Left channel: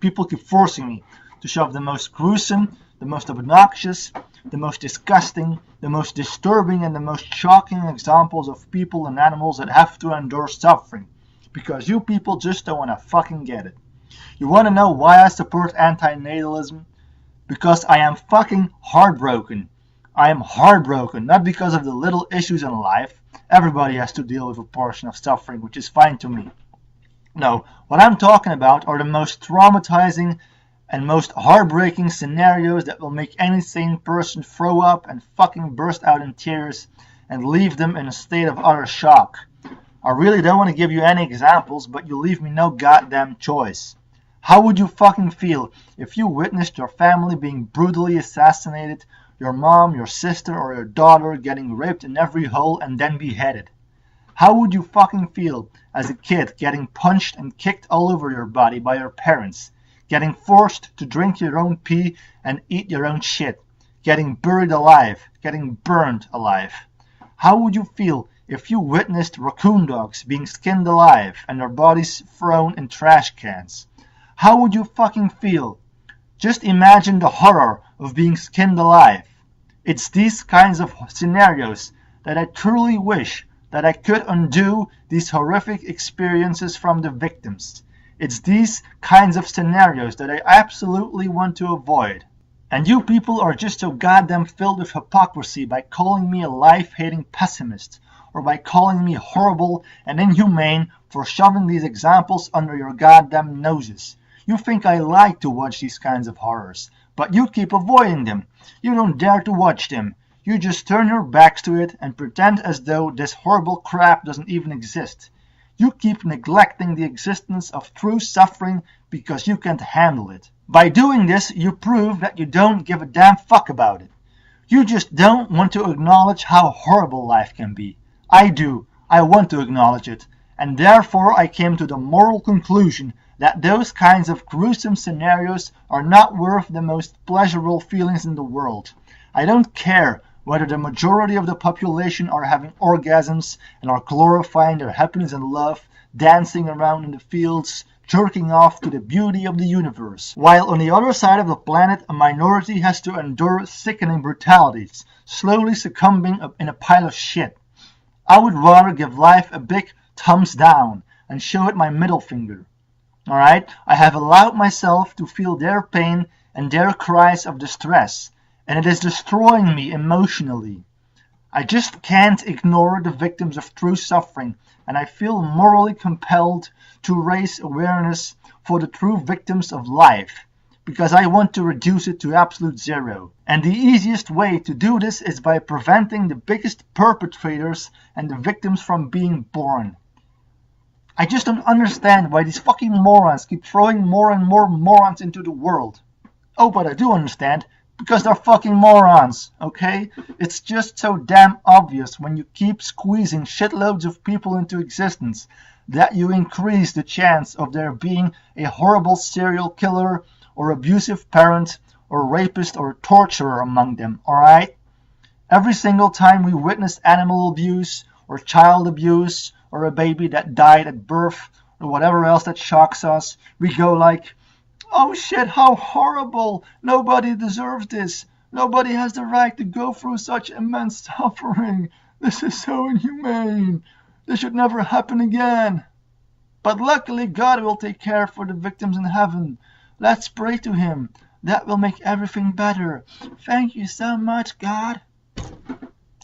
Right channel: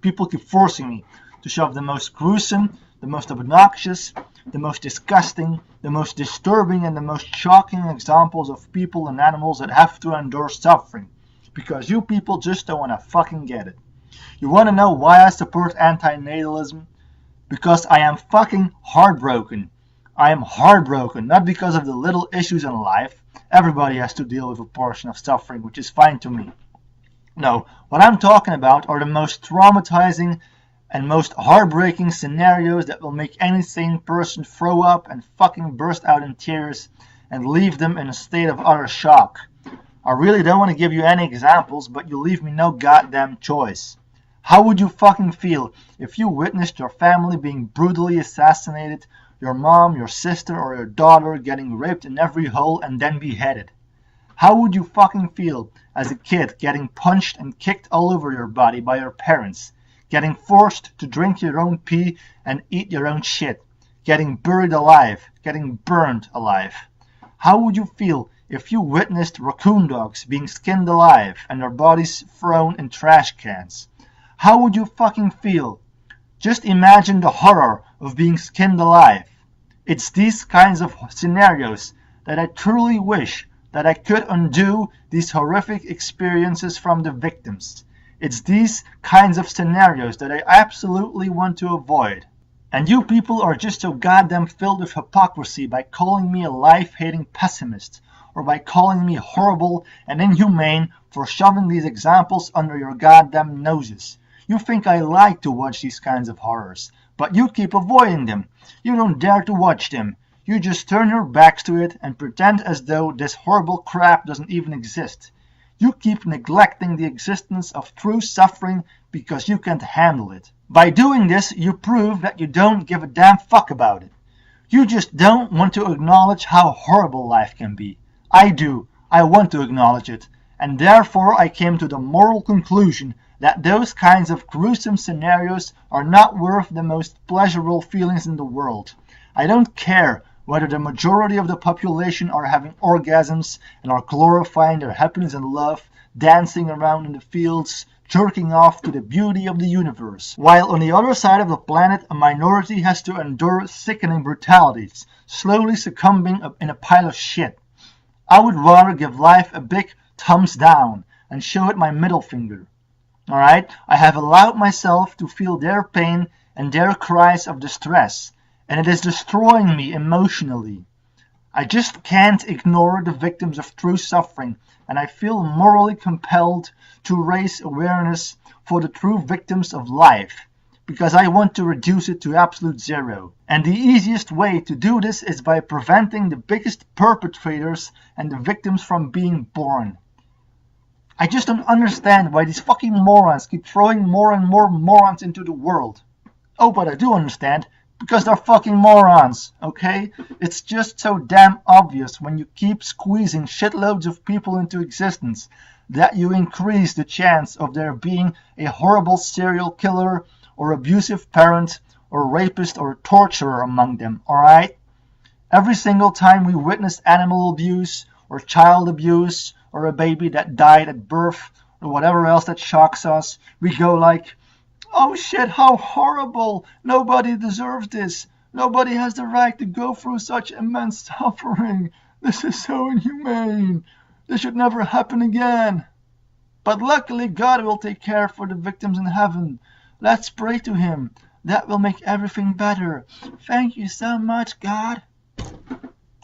people keep forcing me to shove the most gruesome, the most obnoxious, the most disgusting, the most disturbing, and the most shocking examples of people and animals that have to endure suffering. Because you people just don't want to fucking get it. You want to know why I support anti-natalism? Because I am fucking heartbroken. I am heartbroken, not because of the little issues in life. Everybody has to deal with a portion of suffering, which is fine to me. No, what I'm talking about are the most traumatizing and most heartbreaking scenarios that will make any sane person throw up and fucking burst out in tears and leave them in a state of utter shock. I really don't want to give you any examples, but you leave me no goddamn choice. How would you fucking feel if you witnessed your family being brutally assassinated, your mom, your sister, or your daughter getting raped in every hole and then beheaded? How would you fucking feel as a kid getting punched and kicked all over your body by your parents, getting forced to drink your own pee and eat your own shit, getting buried alive, getting burned alive? How would you feel if you witnessed raccoon dogs being skinned alive and their bodies thrown in trash cans? How would you fucking feel? Just imagine the horror of being skinned alive. It's these kinds of scenarios that I truly wish that I could undo these horrific experiences from the victims. It's these kinds of scenarios that I absolutely want to avoid. And you people are just so goddamn filled with hypocrisy by calling me a life-hating pessimist, or by calling me horrible and inhumane for shoving these examples under your goddamn noses. You think I like to watch these kinds of horrors, but you keep avoiding them. You don't dare to watch them. You just turn your backs to it and pretend as though this horrible crap doesn't even exist. You keep neglecting the existence of true suffering because you can't handle it. By doing this, you prove that you don't give a damn fuck about it. You just don't want to acknowledge how horrible life can be. I do. I want to acknowledge it. And therefore I came to the moral conclusion that those kinds of gruesome scenarios are not worth the most pleasurable feelings in the world. I don't care whether the majority of the population are having orgasms and are glorifying their happiness and love, dancing around in the fields, jerking off to the beauty of the universe, while on the other side of the planet a minority has to endure sickening brutalities, slowly succumbing in a pile of shit. I would rather give life a big thumbs down and show it my middle finger. Alright? I have allowed myself to feel their pain and their cries of distress, and it is destroying me emotionally. I just can't ignore the victims of true suffering, and I feel morally compelled to raise awareness for the true victims of life, because I want to reduce it to absolute zero. And the easiest way to do this is by preventing the biggest perpetrators and the victims from being born. I just don't understand why these fucking morons keep throwing more and more morons into the world. Oh, but I do understand, because they're fucking morons, okay? It's just so damn obvious when you keep squeezing shitloads of people into existence that you increase the chance of there being a horrible serial killer or abusive parent or rapist or torturer among them, alright? Every single time we witness animal abuse or child abuse or a baby that died at birth or whatever else that shocks us, we go like, oh shit, how horrible! Nobody deserves this. Nobody has the right to go through such immense suffering. This is so inhumane. This should never happen again. But luckily God will take care for the victims in heaven. Let's pray to him. That will make everything better. Thank you so much, God.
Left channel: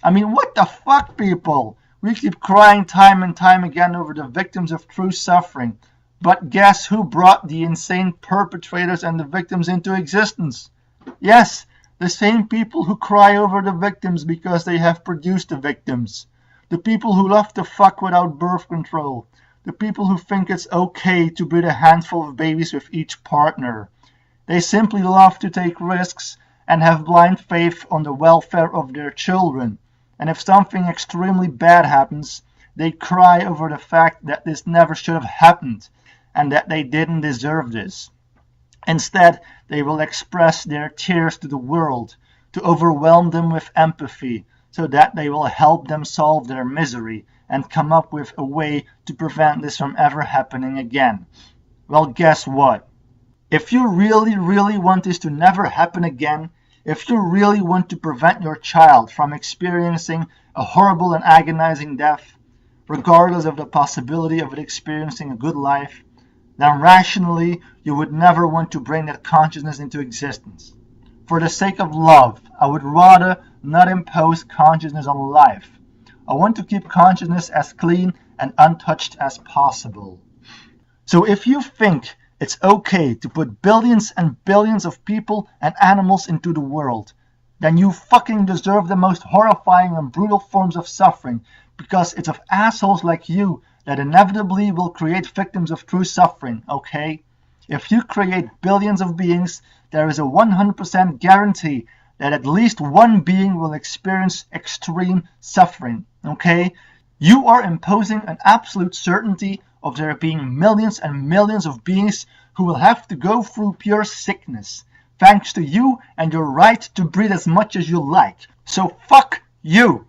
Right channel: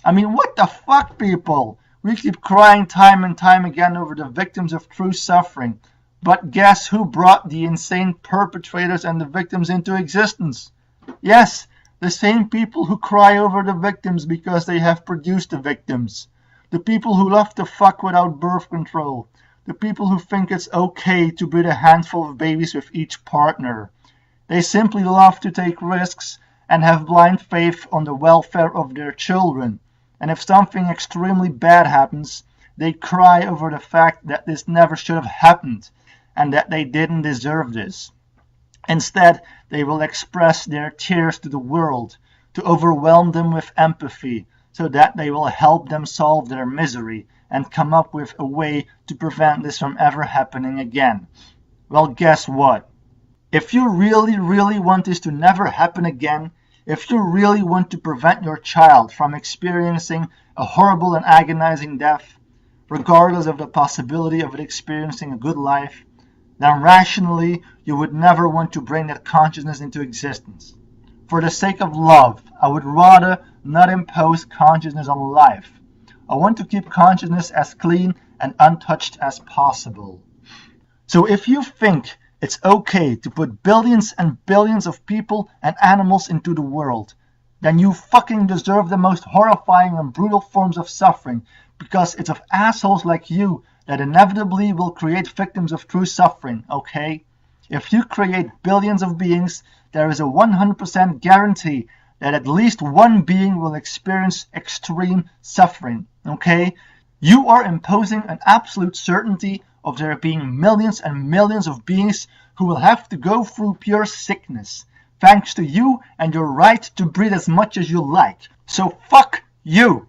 I mean, what the fuck, people? We keep crying time and time again over the victims of true suffering. But guess who brought the insane perpetrators and the victims into existence? Yes, the same people who cry over the victims because they have produced the victims. The people who love to fuck without birth control. The people who think it's okay to breed a handful of babies with each partner. They simply love to take risks and have blind faith on the welfare of their children. And if something extremely bad happens, they cry over the fact that this never should have happened and that they didn't deserve this. Instead, they will express their tears to the world to overwhelm them with empathy so that they will help them solve their misery and come up with a way to prevent this from ever happening again. Well, guess what? If you really, really want this to never happen again, if you really want to prevent your child from experiencing a horrible and agonizing death, regardless of the possibility of it experiencing a good life, then rationally you would never want to bring that consciousness into existence. For the sake of love, I would rather not impose consciousness on life. I want to keep consciousness as clean and untouched as possible. So if you think it's okay to put billions and billions of people and animals into the world, then you fucking deserve the most horrifying and brutal forms of suffering, because it's of assholes like you that inevitably will create victims of true suffering, okay? If you create billions of beings, there is a 100% guarantee that at least one being will experience extreme suffering, okay? You are imposing an absolute certainty of there being millions and millions of beings who will have to go through pure sickness, thanks to you and your right to breathe as much as you like. So fuck you!